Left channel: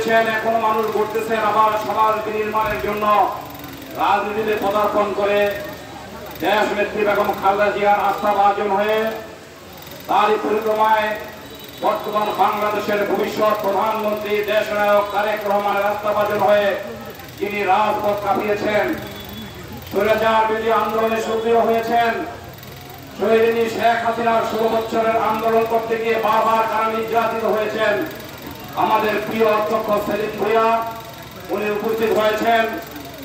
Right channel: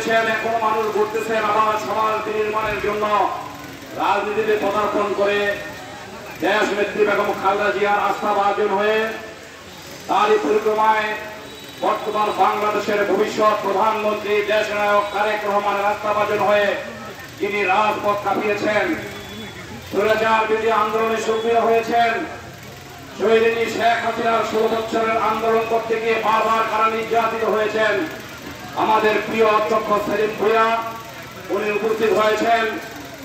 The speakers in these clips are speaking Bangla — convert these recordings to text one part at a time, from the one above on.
গড়িয়েছেন, এখনো মানুষ গড়তেছেন আবার সমাজ বিনির্মাণের জন্য রাজনীতিতে পদার্পণ করে দেশ নেত্রী বেগম খালেদা জিয়ার আস্থাভাজন হয়ে তারই পরিক্রমায় বর্তমান বাংলাদেশের ভবিষ্যৎ প্রধানমন্ত্রী দেশনায়ক তারেক রহমানের আস্থাভাজন হয়ে যিনি রাজপথ কাঁপিয়েছেন, স্বৈরাচার বিরোধী আন্দোলনে সক্রিয় হয়েছেন। শহীদিনী শেখ হাসিনার 16 বছরের আন্দোলন করতে গিয়ে বারবার কারা নির্যাতিত হয়েছেন। আমাদের প্রিয় অধ্যক্ষ সেলিম ভূঁইয়া উনি উপস্থিত হয়েছেন।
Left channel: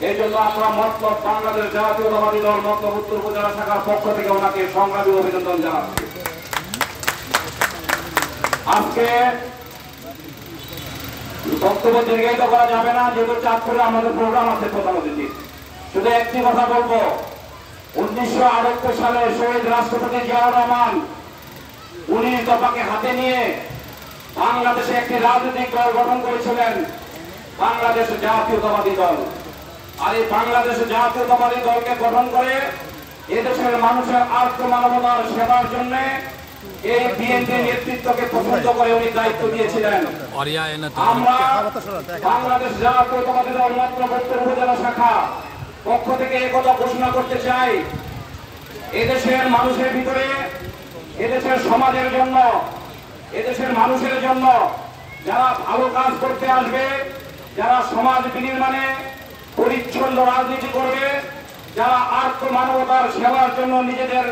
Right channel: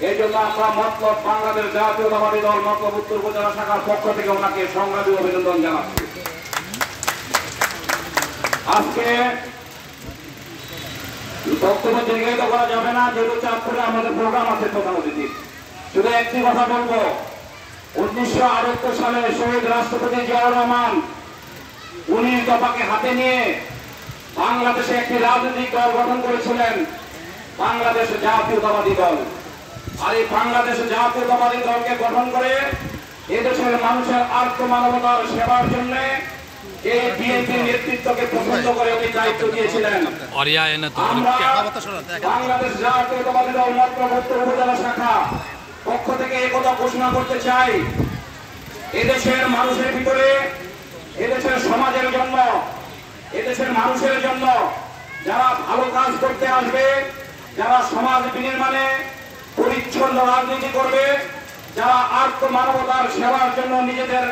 এই জন্য আমরা মতলব বাংলাদেশ জাতীয়তাবাদী দল মতলব উত্তর উপজেলা শাখার পক্ষ থেকে ওনাকে সংগ্রামী অভিনন্দন জানাচ্ছি। আজকে বক্তব্য দীর্ঘায়িত করা যাবে না, যেহেতু চাঁদপুরে আমাদের প্রোগ্রাম আছে প্রধান অতিথি। শুধু একটি কথা বলবো, 1978 সালে শহীদ রাষ্ট্রপতি জিয়াউর রহমান 19 দফাকে হাতে নিয়ে বাংলাদেশে একটি রাজনৈতিক দল গঠন করেছিলেন, বাংলাদেশ জাতীয়তাবাদী দল। আর এই বাংলাদেশ জাতীয়তাবাদী দলকে গঠন করে এদেশের মানুষের আত্মমানবতার সেবার জন্য এই বিএনপির নেতৃত্বকে পছন্দ করে উনি দায়িত্ব দিয়েছিলেন। বাংলাদেশ জাতীয়তাবাদী দল মতলব উত্তর উপজেলা শাখা পক্ষ থেকে একথা ঘোষণা করতে চাই, এদেশের মানুষের ভিতরে, এদেশের সমাজের জন্য, এদেশের মানুষের জন্য যারা ভালো কাজ করতে আসবে, যারা সমাজ বিনির্মাণে পরিচ্ছন্ন রাজনীতি করবে, যারা আত্মমানবতার সেবার জন্য নিজেদের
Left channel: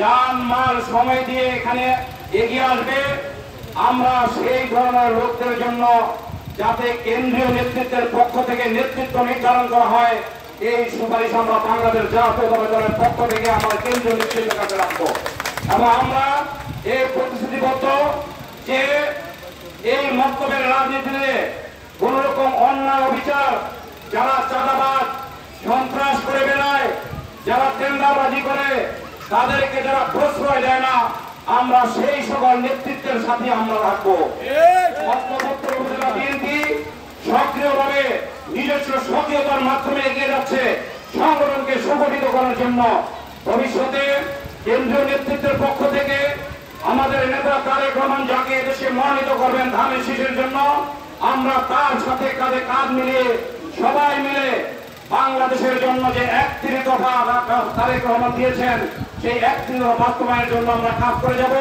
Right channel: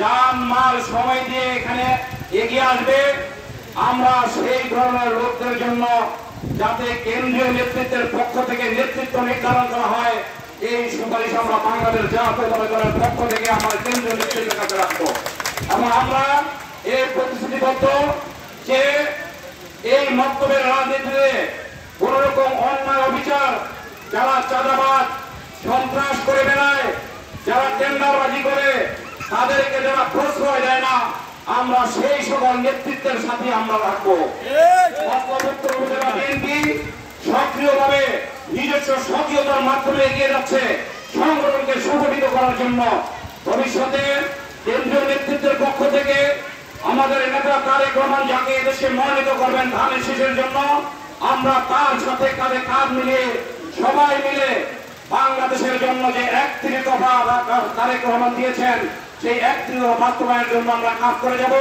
জান মাল সময় দিয়ে এখানে এগিয়ে আসবে, আমরা সেই ধরনের লোকদের জন্য যাতে কেন্দ্রীয় নেতৃত্বের পক্ষ থেকে নেতৃত্ব নির্ধারণ করা হয়, এই সুপারিশ আমরা বাংলাদেশ জাতীয়তাবাদী দলের পক্ষ থেকে আমরা কেন্দ্রীয় নেতৃত্বের কাছে রাখবো। এবং আমরা এই প্রতিশ্রুতিবদ্ধ যে এই মন্তব্যের রাজনীতিতে কোন রকম অন্যায় অবিচার, যারা চাঁদাবাদ সন্ত্রাস করে বেড়ায়, যারা টেন্ডারবাজি করে, তাদেরকে যারা প্রশ্রয় দেয় না, আমরা সেই সকল নেতৃত্বের সাথে আমরা রাখবো। বিএনপি সক্রিয়ভাবে নিজস্ব সক্রিয়তার মাধ্যমে এগিয়ে যাচ্ছে সংগঠনকে সংগঠিত করার জন্য। ভবিষ্যতে কেন্দ্রীয় নেতৃত্বের পক্ষ থেকে আমাদের নেতা তারেক রহমান যাকে এদেশে মনোনীত করবেন ধানের শীষের জন্য, আমরা তার সাথে কাঁধে কাঁধ মিলিয়ে সবাই মিলে বাংলাদেশের জন্য যে 31 দফা তারেক রহমান দিয়েছেন, সেই 31 দফা বাস্তবায়নের জন্য আমরা কাজ করে যাব।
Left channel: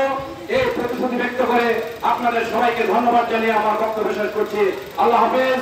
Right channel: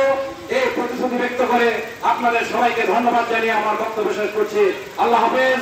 এই প্রতিশ্রুতি ব্যক্ত করে আপনাদের সবাইকে ধন্যবাদ জানিয়ে আমার বক্তব্য শেষ করছি। আল্লাহ হাফেজ।